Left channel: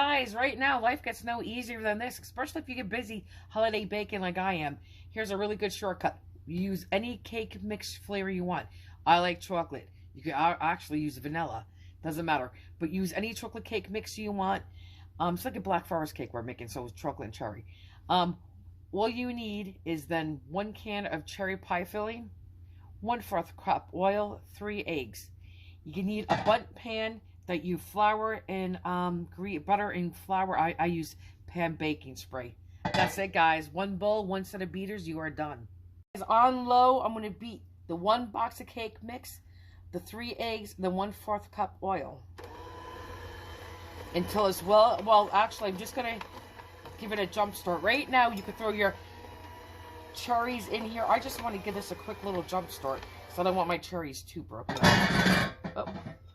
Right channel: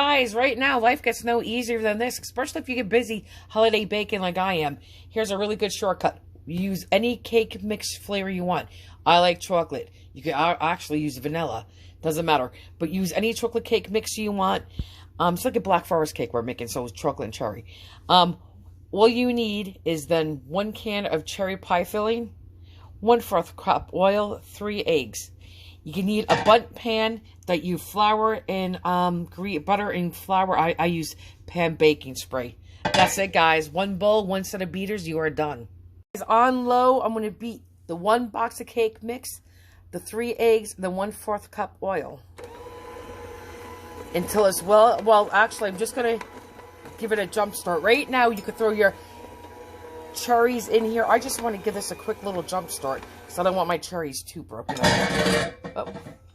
Guys, right now, life gets no easier than this, especially if you get busy holiday baking like I am. Here's a really good shortcut. Use any cake mix flavor you want. I like chocolate. You can actually use vanilla. Doesn't matter. But use any chocolate cake mix you want. It's like a Black Forest cake we're making, so it's chocolate and cherry. All you need is then 1 can of cherry pie filling, 1/4 cup oil, 3 eggs. You can need a Bundt pan that you flour and butter and flour. I use pan baking spray. That's it, guys. 1 bowl, 1 set of beaters, you are done. On low, I'm going to beat the 1 box of cake mix, the 3 eggs, and the 1/4 cup oil until it's well. Actually, I'm just going to give it a jump start. Right now, you could throw your cherries in here. I just want to give this a quick little jump start because I don't want my cherries too broken up.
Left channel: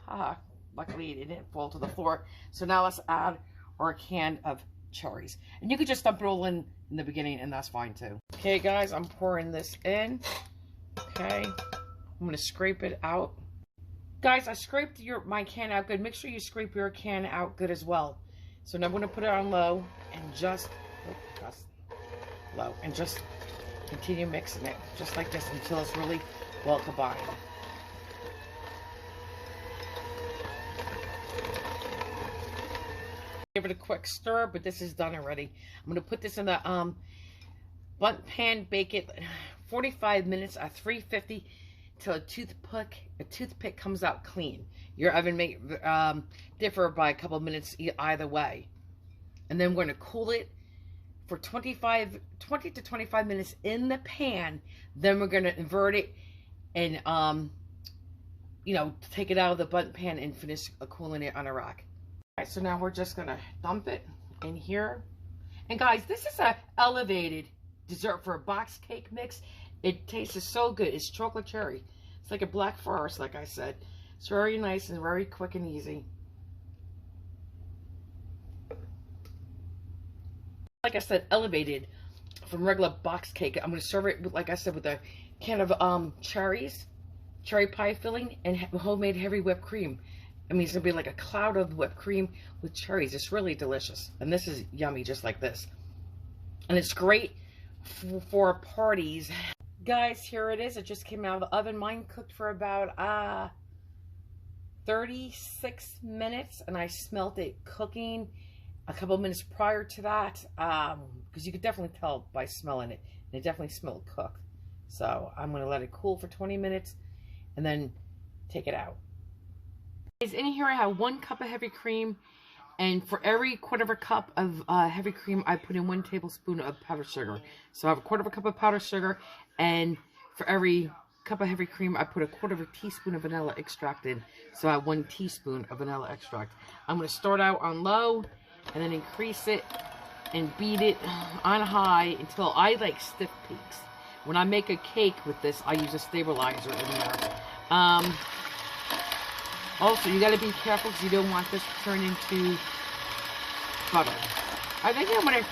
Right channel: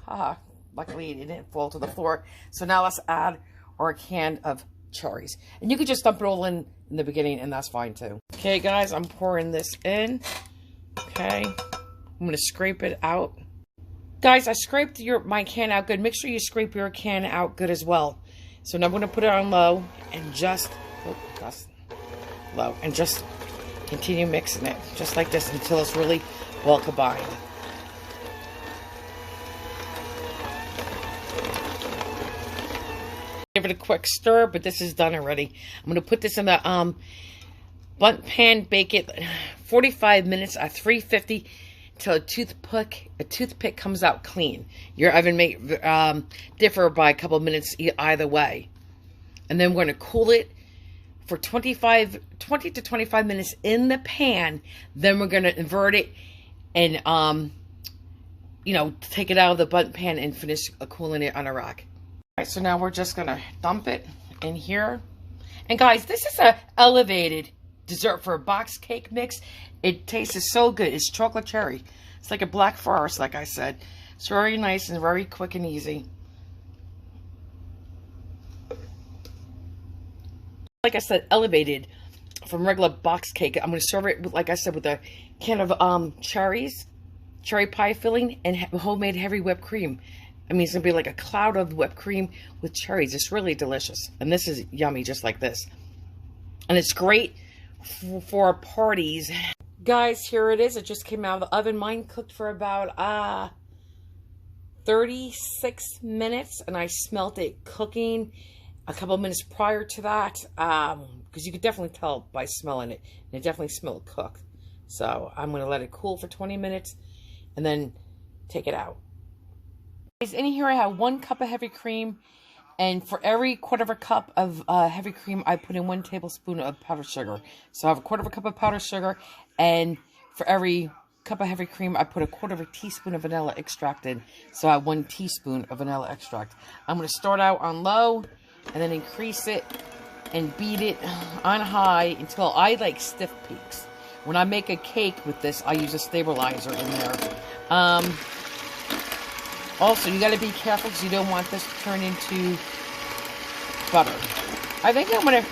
Oh, luckily it didn't fall to the floor. So now let's add our can of cherries. And you could just dump it all in the beginning, and that's fine too. Okay, guys, I'm pouring this in. Okay, I'm going to scrape it out. Guys, I scraped my can out good. Make sure you scrape your can out good as well. So now I'm going to put it on low and just continue mixing it just like this until it's really well combined. Give it a quick stir, but this is done already. I'm going to put this in the Bundt pan, bake it 45 minutes at 350 until a toothpick comes out clean. Your oven may differ by a couple of minutes either way. And then we're going to cool it for 20 to 25 minutes in the pan. Then we're going to invert it and, take it out of the Bundt pan and finish cooling it on a rack. All right, so now we're just going to dump it in here. And guys, this is a elevated dessert for a box cake mix. It tastes so good. It's chocolate cherry. It's like a Black Forest, like I said. It's very nice and very quick and easy. Like I said, elevated from regular box cake. I'm going to serve it, with, like I said, with a can of cherries, cherry pie filling, and homemade heavy whipped cream. I mean, it's going to be like a cloud of whipped cream with cherries. It's really delicious. And this is yummy, just like this. And it's great for parties. Guys, here it is. It just came out of the oven. Mine cooked for about 36 minutes, and I smelt it cooking a couple of minutes prior to that, because you could definitely tell by smelling it. And it definitely smelled cooked. So I'm going to let it cool for 20 minutes and then take it out. In here I have 1 cup of heavy cream, and for every 1/4 cup of heavy cream I put in 1 tablespoon of powdered sugar. So I have a 1/4 cup of powdered sugar, and for every cup of heavy cream I put a 1/4 teaspoon of vanilla extract in. So I have 1 teaspoon of vanilla extract. I'm going to start out on low and then increase it and beat it on high until I like stiff peaks. When I make a cake with this, I use a stabilizer in there. Also, you got to be careful because you don't want this to turn into butter. I think I'm going to,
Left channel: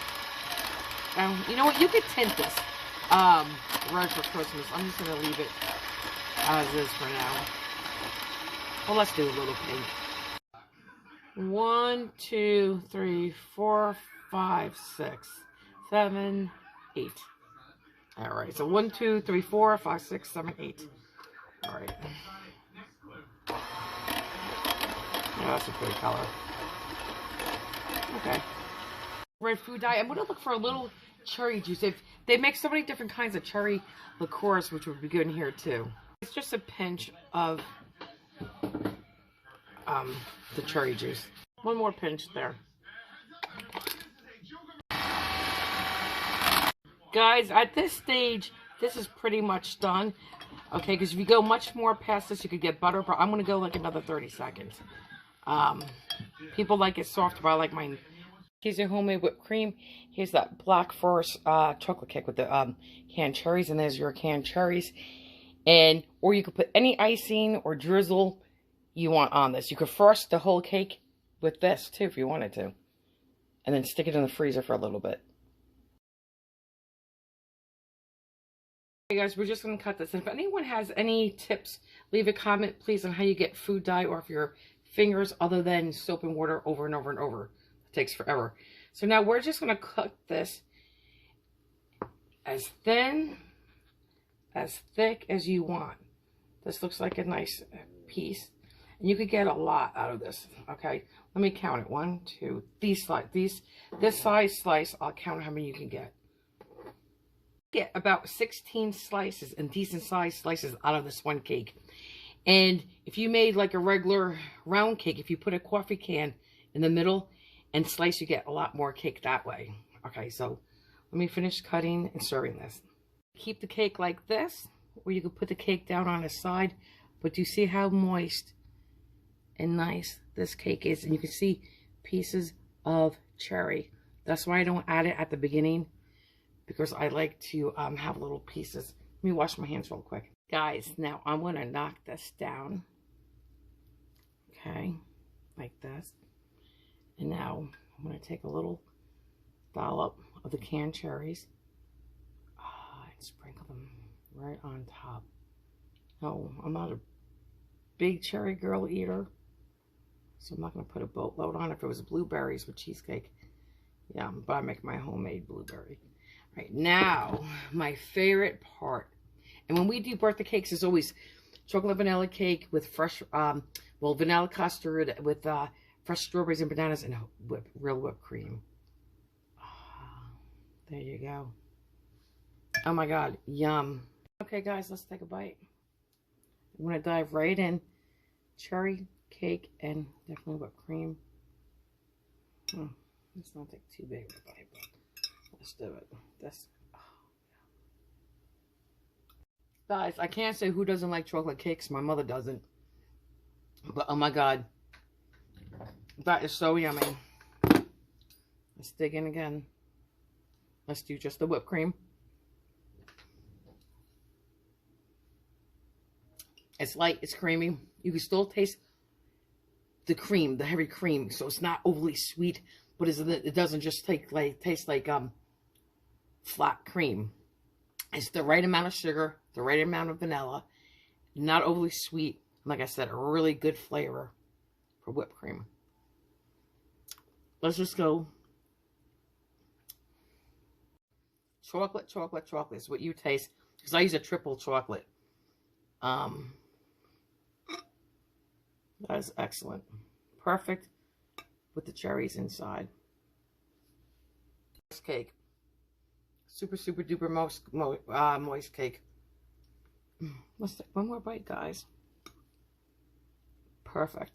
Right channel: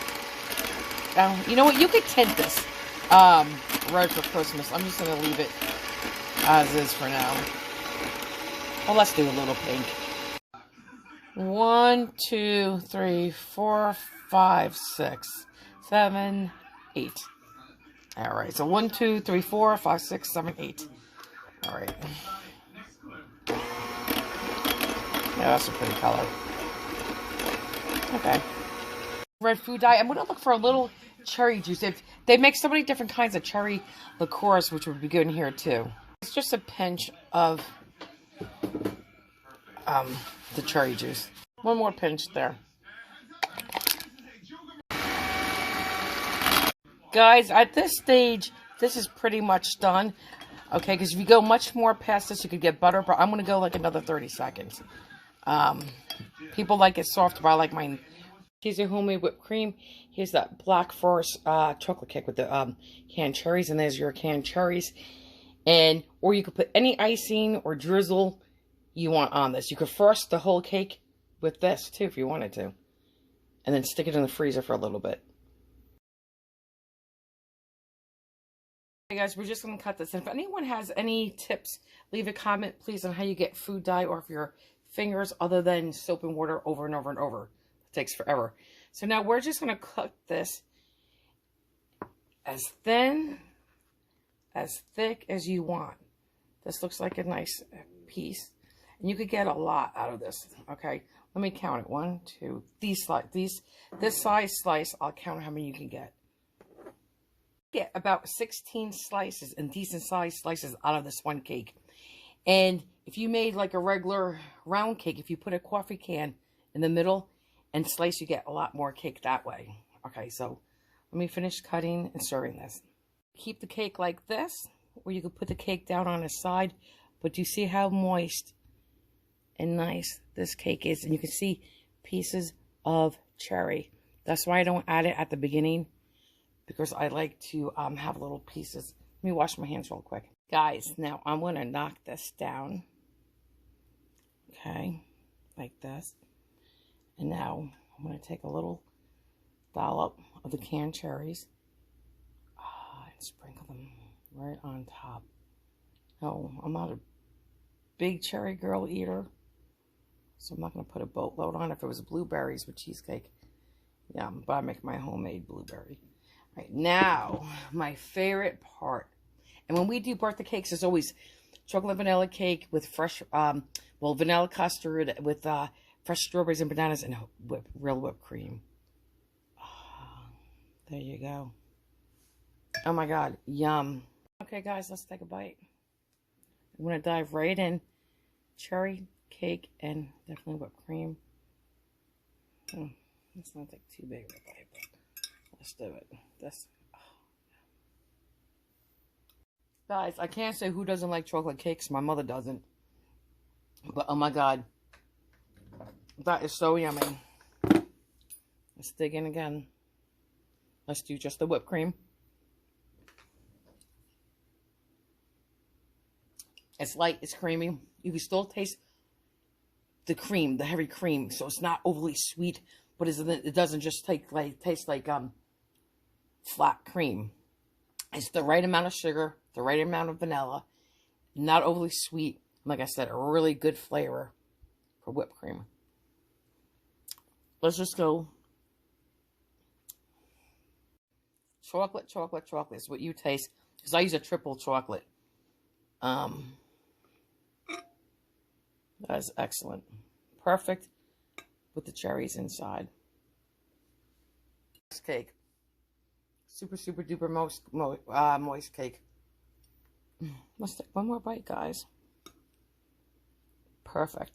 you know what, you could tint this red for Christmas. I'm just going to leave it as is for now. Well, let's do a little pink. 1, 2, 3, 4, 5, 6, 7, 8. All right, so 1, 2, 3, 4, 5, 6, 7, 8. All right. Yeah, that's a pretty color. Okay. Red food dye. I'm going to look for a little cherry juice. If they make so many different kinds of cherry liqueurs, which would be good in here too. It's just a pinch of the cherry juice. 1 more pinch there. Guys, at this stage, this is pretty much done. Okay, because if you go much more past this, you could get butter, but I'm going to go like another 30 seconds. People like it soft, but I like mine. Here's your homemade whipped cream. Here's that Black Forest chocolate cake with the canned cherries, and there's your canned cherries. Or you could put any icing or drizzle you want on this. You could frost the whole cake with this too if you wanted to, and then stick it in the freezer for a little bit. Hey guys, we're just going to cut this. And if anyone has any tips, leave a comment please on how you get food dye off your fingers other than soap and water over and over and over. takes forever. So now we're just going to cook this as thin, as thick as you want. This looks like a nice piece. And you could get a lot out of this, okay? Let me count it. 1, 2, this size slice, I'll count how many you can get. Get about 16 slices and decent sized slices out of this one cake. And if you made like a regular round cake, if you put a coffee can in the middle and slice, you get a lot more cake that way. Okay, so let me finish cutting and serving this. Keep the cake like this, or you could put the cake down on the side. But you see how moist and nice this cake is? And you can see pieces of cherry. That's why I don't add it at the beginning, because I like to have little pieces. Let me wash my hands real quick. Guys, now I'm going to knock this down. Okay, like this. And now I'm going to take a little dollop of the canned cherries and sprinkle them right on top. No, I'm not a big cherry girl eater, so I'm not going to put a boatload on. If it was blueberries with cheesecake, yeah, but I make my homemade blueberry. Right, now, my favorite part. And when we do birthday cakes, there's always chocolate vanilla cake with fresh, vanilla custard with fresh strawberries and bananas and real whipped cream. There you go. Oh my God, yum. Okay, guys, let's take a bite. I'm going to dive right in. Cherry cake and definitely whipped cream. Let's not take too big of a bite, but let's do it. Guys, I can't say who doesn't like chocolate cakes. My mother doesn't. But oh my God, that is so yummy. Let's dig in again. Let's do just the whipped cream. It's light, it's creamy. You can still taste the cream, the heavy cream, so it's not overly sweet, but it doesn't just taste like flat cream. It's the right amount of sugar, the right amount of vanilla, not overly sweet. Like I said, a really good flavor for whipped cream. Let's just go. Chocolate, chocolate, chocolate is what you taste. Because I use a triple chocolate. That is excellent. Perfect with the cherries inside. This cake. Super, super duper moist cake. Let's take one more bite, guys. Perfect.